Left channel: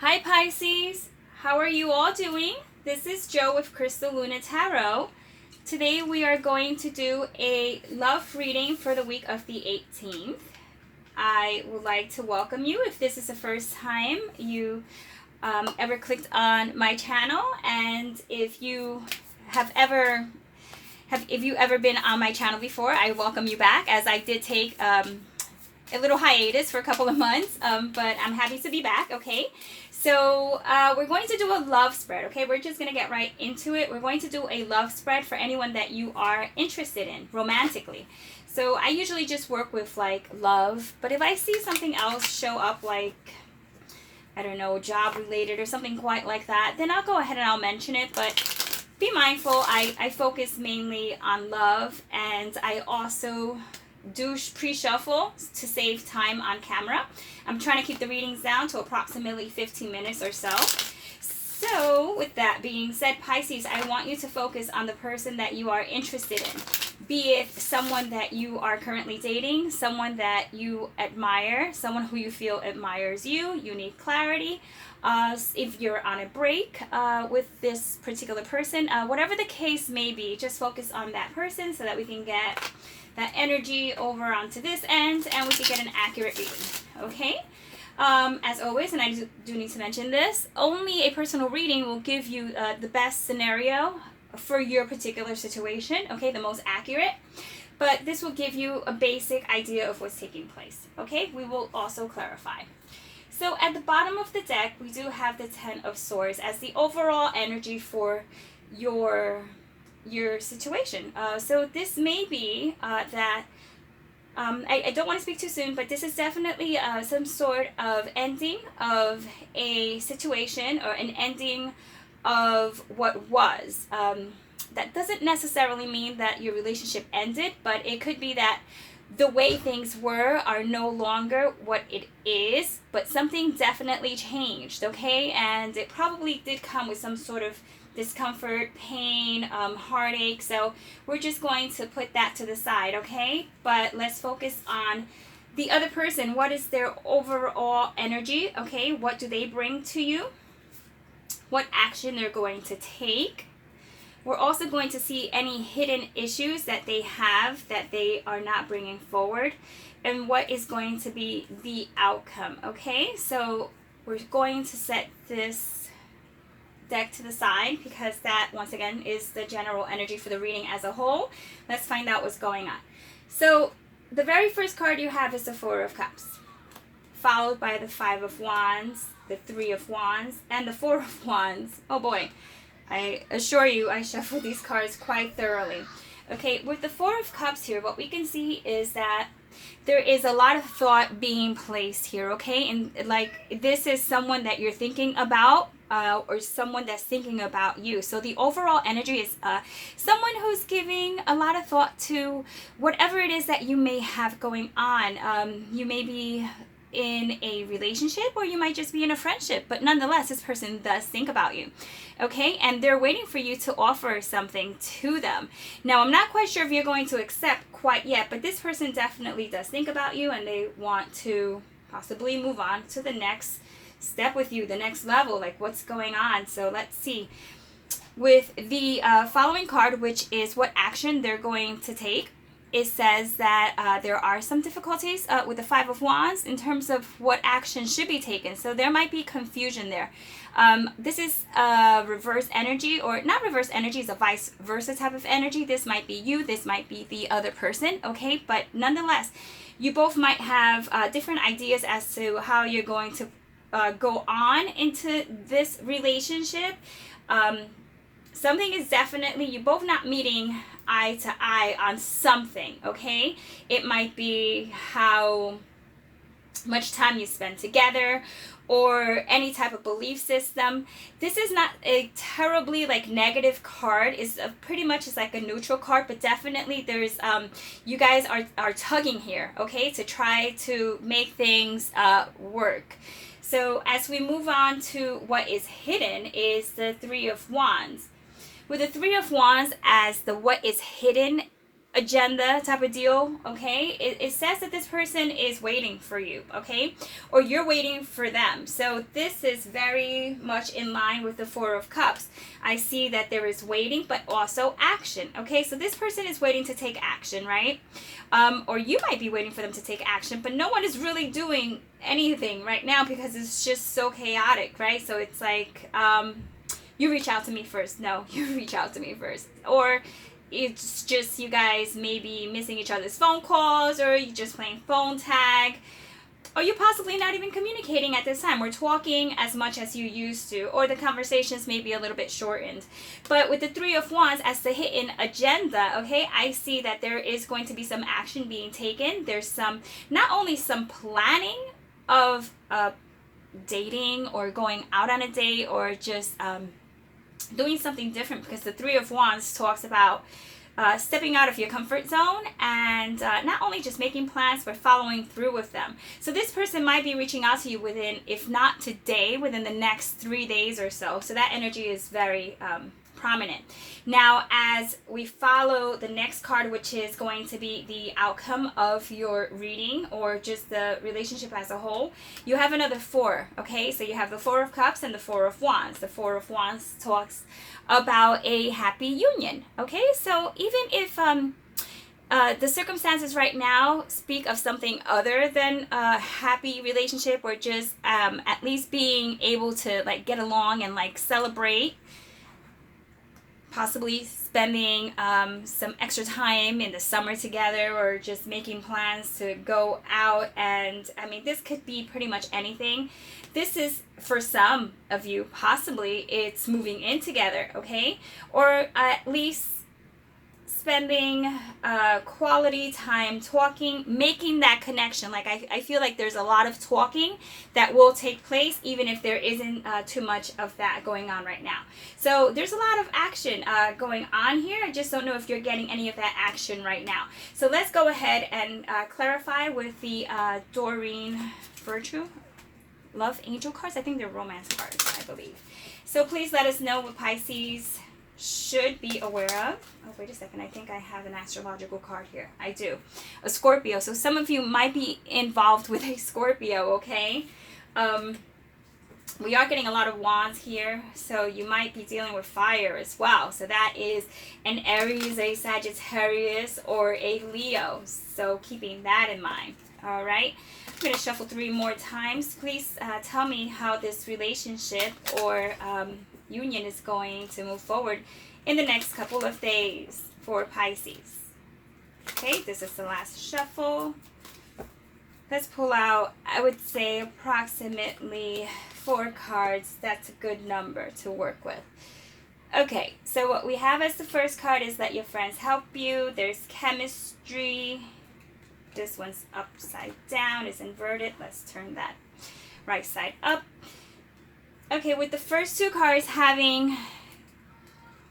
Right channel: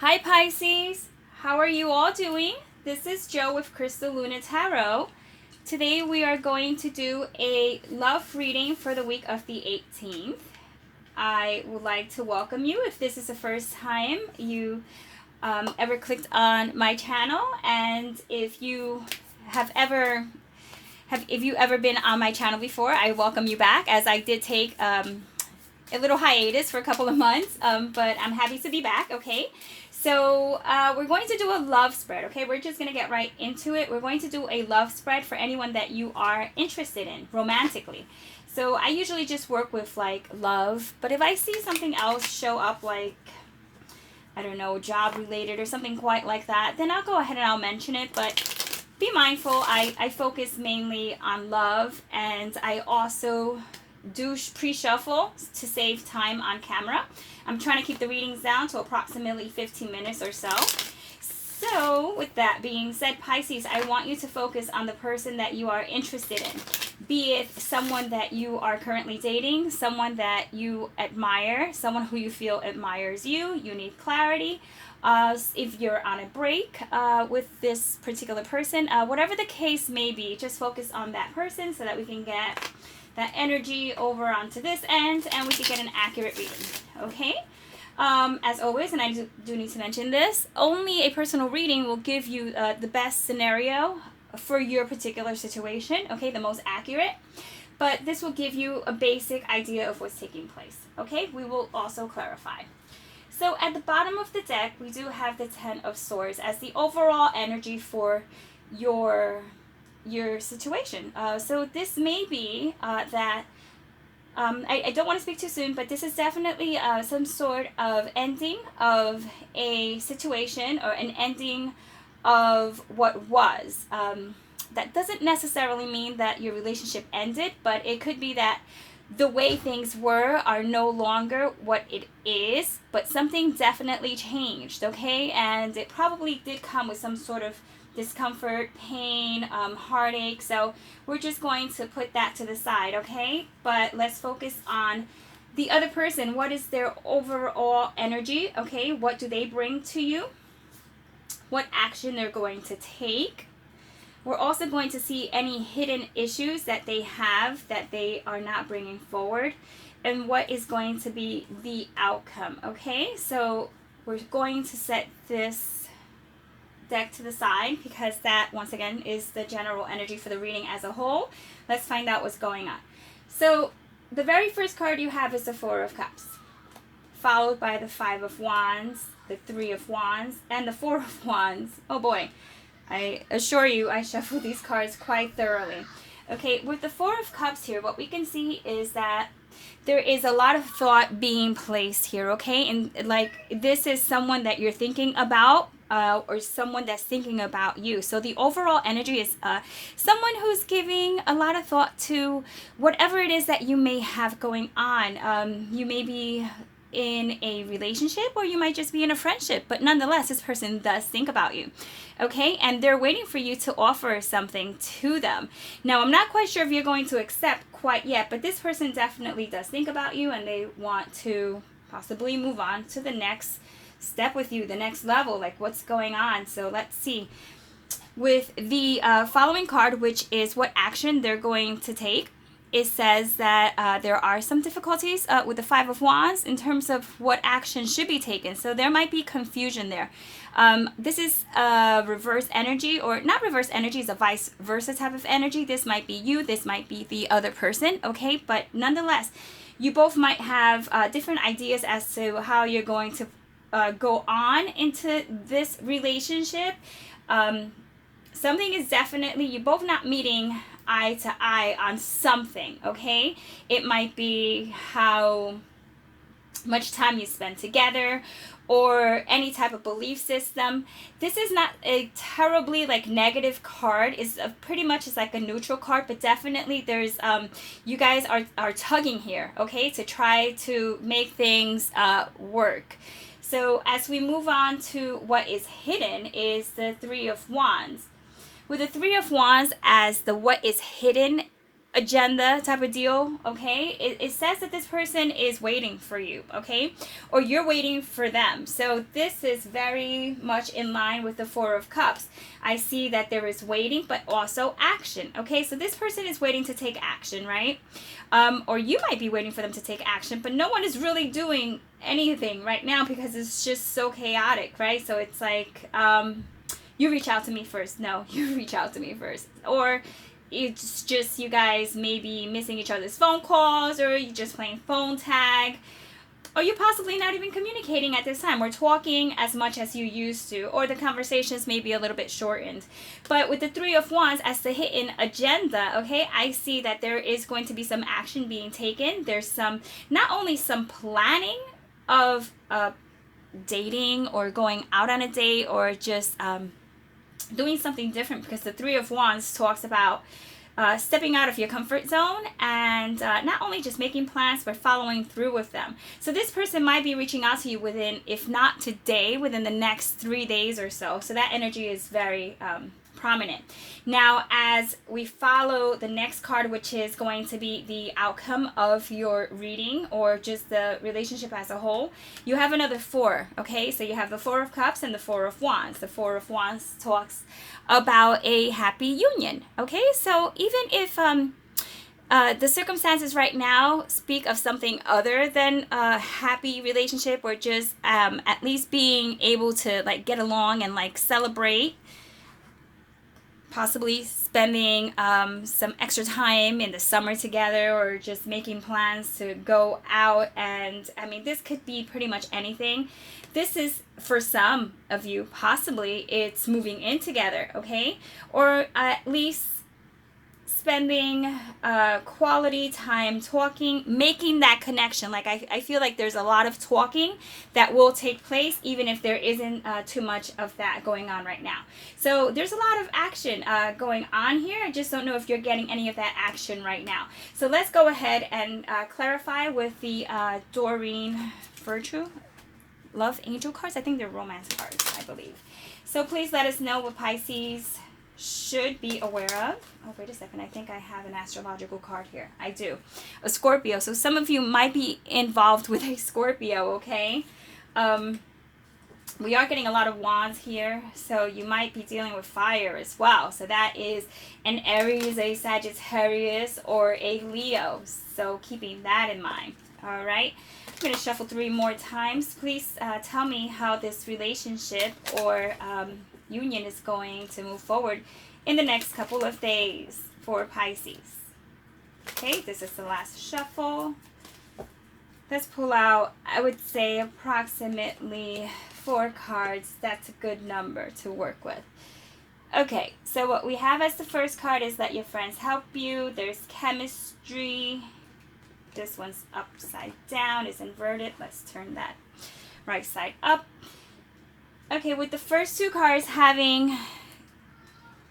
Hi Pisces, how are you all doing? This is Joe with Crystal Luna Tarot. Today we are going to do a love reading for the week of the 18th. I would like to welcome you if this is the first time you ever clicked on my channel, and if you have ever been on my channel before, I welcome you back, as I did take a little hiatus for a couple of months, but I'm happy to be back. Okay, so we're going to do a love spread. Okay, we're just going to get right into it. We're going to do a love spread for anyone that you are interested in romantically. So I usually just work with like love, but if I see something else show up, like, I don't know, job related or something quite like that, then I'll go ahead and I'll mention it. But be mindful, I focus mainly on love, and I also do pre-shuffle to save time on camera. I'm trying to keep the readings down to approximately 15 minutes or so. So with that being said, Pisces, I want you to focus on the person that you are interested in. Be it someone that you are currently dating, someone that you admire, someone who you feel admires you. You need clarity. If you're on a break with this particular person, whatever the case may be, just focus on that person so that we can get that energy over onto this end and we can get an accurate reading. Okay? As always, and I do need to mention this, only a personal reading will give you the best scenario for your particular situation, okay, the most accurate. But this will give you a basic idea of what's taking place, okay? We will also clarify. So at the bottom of the deck, we do have the Ten of Swords as the overall energy for your situation. So this may be that I don't want to speak too soon, but this is definitely some sort of ending of a situation or an ending of what was. That doesn't necessarily mean that your relationship ended, but it could be that the way things were are no longer what it is, but something definitely changed, okay? And it probably did come with some sort of discomfort, pain, heartache. So we're just going to put that to the side, okay? But let's focus on the other person. What is their overall energy, okay? What do they bring to you? What action they're going to take? We're also going to see any hidden issues that they have that they are not bringing forward, and what is going to be the outcome, okay? So we're going to set this deck to the side because that, once again, is the general energy for the reading as a whole. Let's find out what's going on. So the very first card you have is the Four of Cups, followed by the Five of Wands, the Three of Wands, and the Four of Wands. Oh boy. I assure you, I shuffle these cards quite thoroughly. Okay, with the Four of Cups here, what we can see is that there is a lot of thought being placed here, okay? And like, this is someone that you're thinking about, or someone that's thinking about you. So the overall energy is someone who's giving a lot of thought to whatever it is that you may have going on. You may be in a relationship, or you might just be in a friendship, but nonetheless this person does think about you, okay? And they're waiting for you to offer something to them. Now, I'm not quite sure if you're going to accept quite yet, but this person definitely does think about you, and they want to possibly move on to the next step with you, the next level, like what's going on. So let's see with the following card, which is what action they're going to take. It says that there are some difficulties with the Five of Wands in terms of what action should be taken. So there might be confusion there. This is a reverse energy, or not reverse energy, it's a vice versa type of energy. This might be you, this might be the other person, okay? But nonetheless, you both might have different ideas as to how you're going to go on into this relationship. Something is definitely, you both not meeting eye to eye on something, okay? It might be how much time you spend together, or any type of belief system. This is not a terribly like negative card. It's pretty much is like a neutral card, but definitely there's you guys are tugging here, okay, to try to make things work. So as we move on to what is hidden is the Three of Wands. With the Three of Wands as the what is hidden, agenda type of deal, okay? It says that this person is waiting for you, okay? Or you're waiting for them. So this is very much in line with the Four of Cups. I see that there is waiting, but also action, okay? So this person is waiting to take action, right? Or you might be waiting for them to take action, but no one is really doing anything right now because it's just so chaotic, right? So it's like, you reach out to me first. No, you reach out to me first. Or it's just you guys maybe missing each other's phone calls, or you just playing phone tag, or you're possibly not even communicating at this time or talking as much as you used to, or the conversations may be a little bit shortened. But with the Three of Wands as the hidden agenda, okay, I see that there is going to be some action being taken. There's some, not only some planning of dating or going out on a date, or just doing something different, because the Three of Wands talks about stepping out of your comfort zone, and not only just making plans but following through with them. So this person might be reaching out to you within, if not today, within the next 3 days or so. So that energy is very prominent. Now, as we follow the next card, which is going to be the outcome of your reading or just the relationship as a whole, you have another four, okay? So you have the Four of Cups and the Four of Wands. The Four of Wands talks about a happy union, okay? So even if the circumstances right now speak of something other than a happy relationship, or just at least being able to like get along and like celebrate, possibly spending some extra time in the summer together, or just making plans to go out. And I mean, this could be pretty much anything. This is, for some of you, possibly it's moving in together, okay? Or at least spending quality time talking, making that connection. Like I feel like there's a lot of talking that will take place, even if there isn't too much of that going on right now. So there's a lot of action going on here. I just don't know if you're getting any of that action right now. So let's go ahead and clarify with the Doreen Virtue Love Angel cards. I think they're romance cards, I believe. So please let us know what Pisces should be aware of. Oh, wait a second. I think I have an astrological card here. I do. A Scorpio. So some of you might be involved with a Scorpio, okay? We are getting a lot of wands here, so you might be dealing with fire as well. So that is an Aries, a Sagittarius, or a Leo. So keeping that in mind. All right. I'm going to shuffle 3 more times. Please tell me how this relationship or union is going to move forward in the next couple of days for Pisces. Okay, this is the last shuffle. Let's pull out, I would say, approximately 4 cards. That's a good number to work with. Okay, so what we have as the first card is let your friends help you. There's chemistry. This one's upside down, it's inverted. Let's turn that right side up. Okay, with the first 2 cards having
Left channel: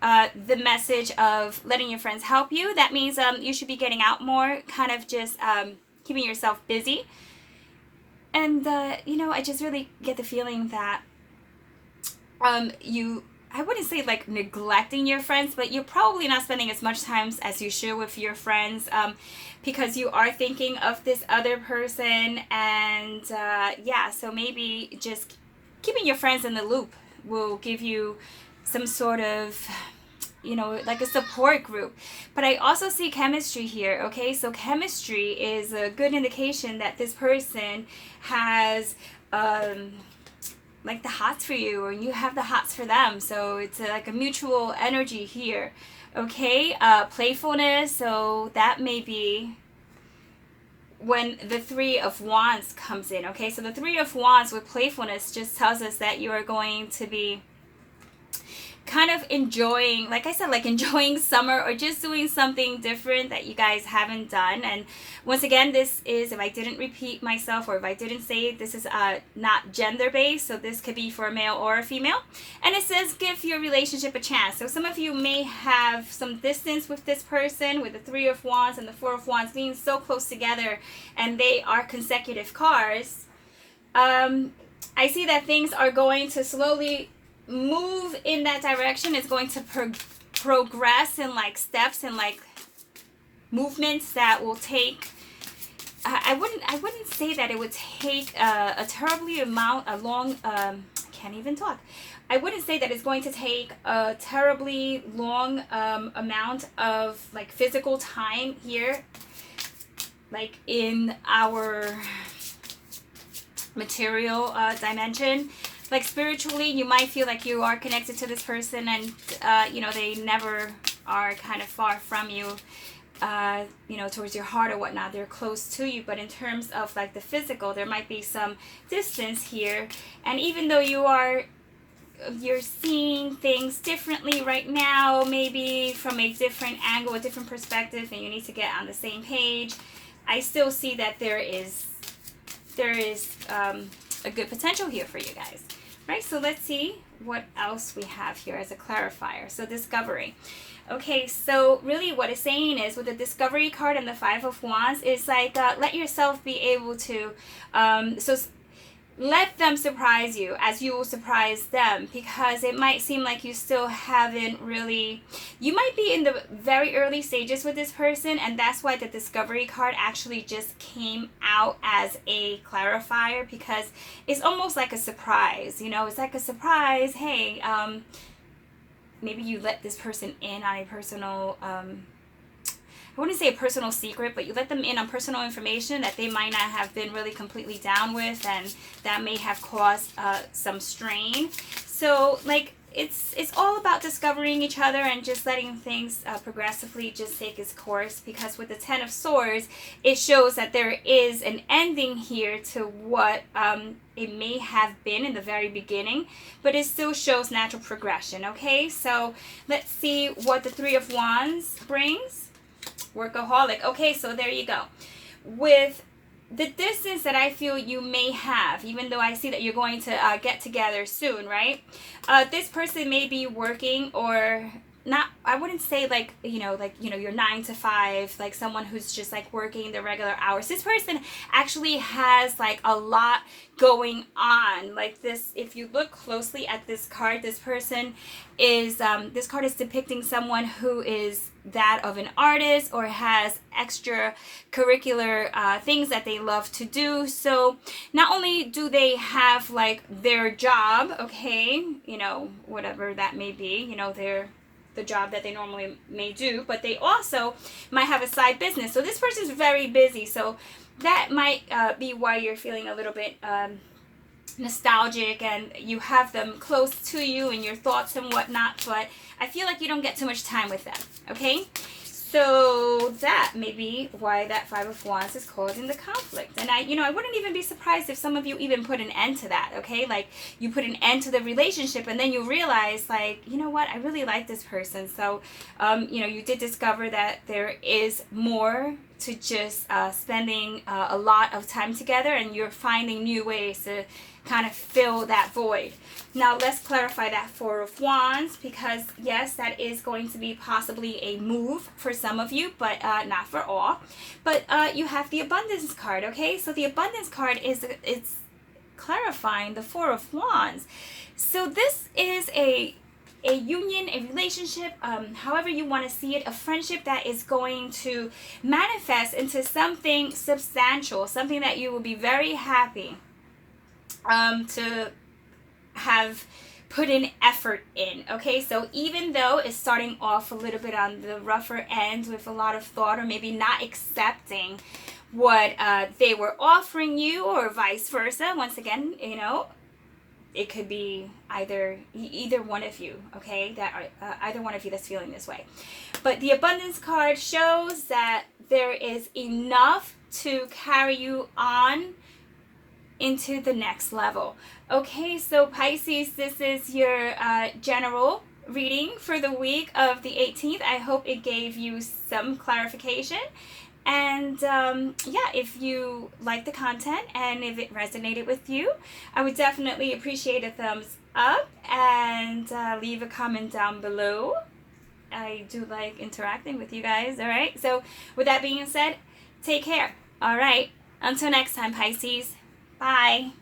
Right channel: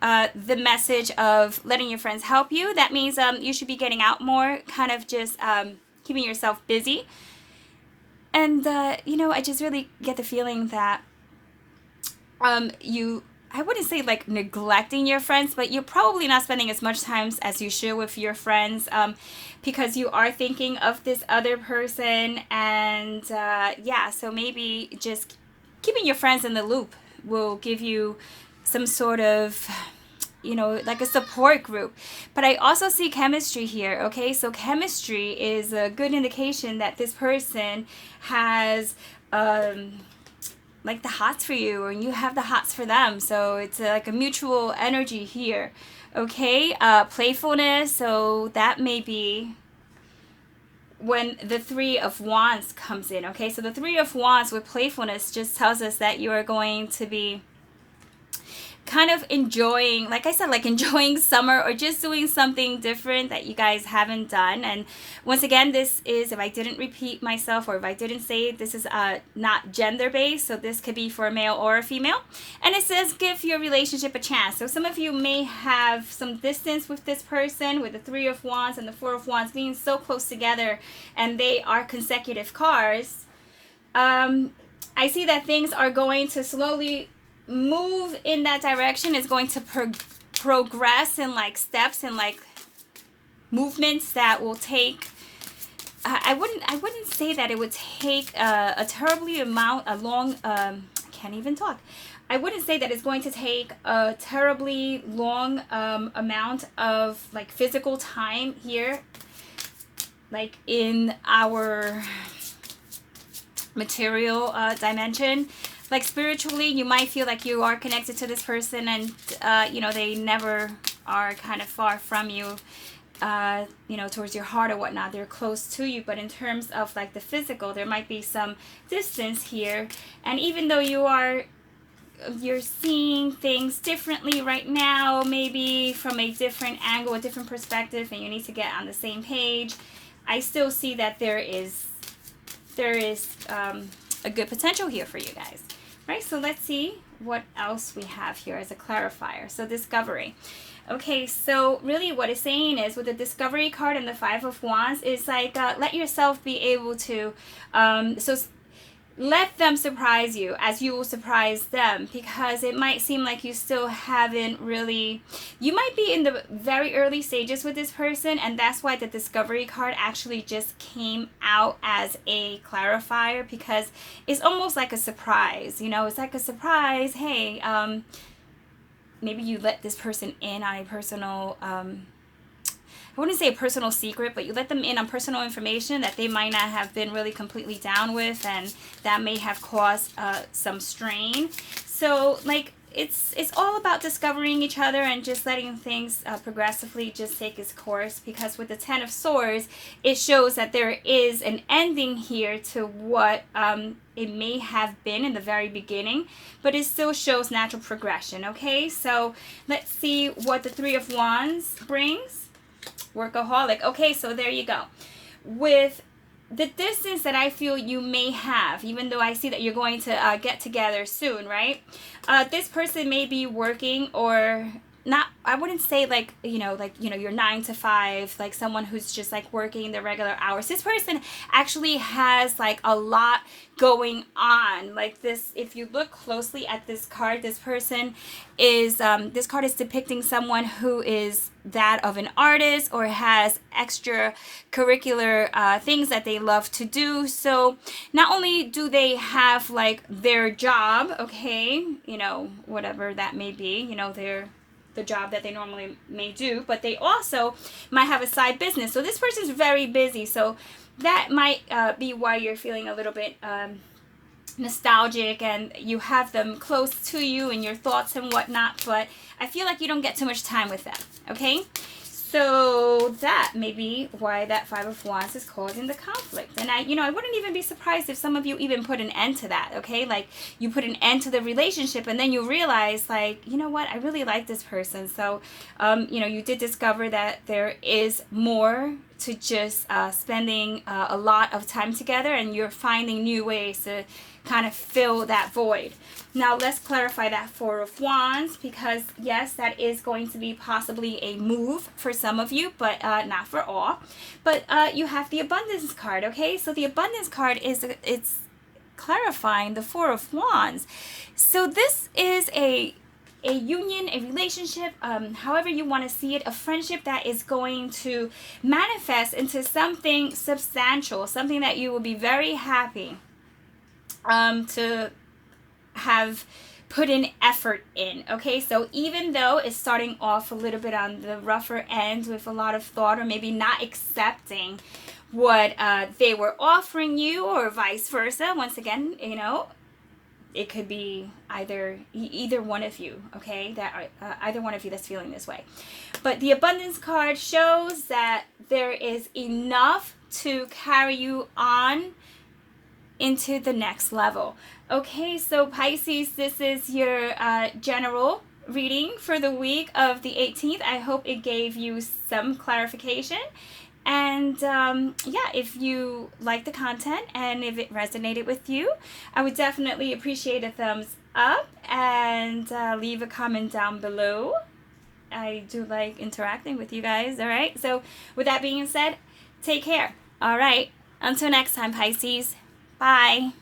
the message of letting your friends help you, that means you should be getting out more, kind of just keeping yourself busy. And, you know, I just really get the feeling that I wouldn't say like neglecting your friends, but you're probably not spending as much time as you should with your friends, because you are thinking of this other person. And yeah, so maybe just keeping your friends in the loop will give you some sort of, you know, like a support group. But I also see chemistry here, okay? So chemistry is a good indication that this person has like the hots for you, and you have the hots for them. So it's like a mutual energy here, okay? Playfulness, so that may be when the Three of Wands comes in, okay? So the Three of Wands with playfulness just tells us that you are going to be kind of enjoying, like I said, like enjoying summer, or just doing something different that you guys haven't done. And once again, this is, if I didn't repeat myself, or if I didn't say it, this is not gender based, so this could be for a male or a female. And it says give your relationship a chance. So some of you may have some distance with this person, with the Three of Wands and the Four of Wands being so close together, and they are consecutive cards. I see that things are going to slowly move in that direction. Is going to progress in like steps, and like movements that will take. I wouldn't say that it would take a terribly a long. I can't even talk. I wouldn't say that it's going to take a terribly long amount of like physical time here, like in our material dimension. Like spiritually, you might feel like you are connected to this person, and they never are kind of far from you. Towards your heart or whatnot, they're close to you. But in terms of like the physical, there might be some distance here. And even though you're seeing things differently right now, maybe from a different angle, a different perspective, and you need to get on the same page, I still see that there is a good potential here for you guys. Right, so let's see what else we have here as a clarifier. So discovery. Okay, so really what it's saying is with the discovery card and the Five of Wands is like let yourself be able to let them surprise you as you will surprise them, because it might seem like you still haven't really, you might be in the very early stages with this person, and that's why the discovery card actually just came out as a clarifier, because it's almost like a surprise, it's like a surprise. Hey, maybe you let this person in on a personal I wouldn't say a personal secret, but you let them in on personal information that they might not have been really completely down with, and that may have caused some strain. So like it's all about discovering each other and just letting things progressively just take its course, because with the Ten of Swords, it shows that there is an ending here to what it may have been in the very beginning, but it still shows natural progression. Okay, so let's see what the Three of Wands brings. Workaholic. Okay, so there you go. With the distance that I feel you may have, even though I see that you're going to get together soon, right? This person may be working, or not, I wouldn't say like your 9 to 5, like someone who's just like working the regular hours. This person actually has like a lot going on. Like this, if you look closely at this card, this person is this card is depicting someone who is that of an artist or has extracurricular things that they love to do. So not only do they have like their job, okay, whatever that may be, the job that they normally may do, but they also might have a side business. So this person is very busy. So that might be why you're feeling a little bit nostalgic, and you have them close to you in your thoughts and whatnot, but I feel like you don't get too much time with them. Okay, so that may be why that Five of Wands is causing the conflict. And I wouldn't even be surprised if some of you even put an end to that. Okay, like you put an end to the relationship, and then you realize, like, you know what, I really like this person. So you did discover that there is more to just spending a lot of time together, and you're finding new ways to kind of fill that void. Now let's clarify that Four of Wands, because yes, that is going to be possibly a move for some of you, but not for all. But you have the Abundance card. Okay, so the Abundance card it's clarifying the Four of Wands. So this is a union, a relationship, however you want to see it, a friendship that is going to manifest into something substantial, something that you will be very happy to have put in effort in. Okay, so even though it's starting off a little bit on the rougher end with a lot of thought, or maybe not accepting what they were offering you, or vice versa, once again, it could be either one of you, okay, that either one of you that's feeling this way. But the Abundance card shows that there is enough to carry you on into the next level. Okay, so Pisces, this is your general reading for the week of the 18th. I hope it gave you some clarification. And if you like the content and if it resonated with you, I would definitely appreciate a thumbs up, and leave a comment down below. I do like interacting with you guys. All right, so with that being said, take care. All right, until next time, Pisces. Bye.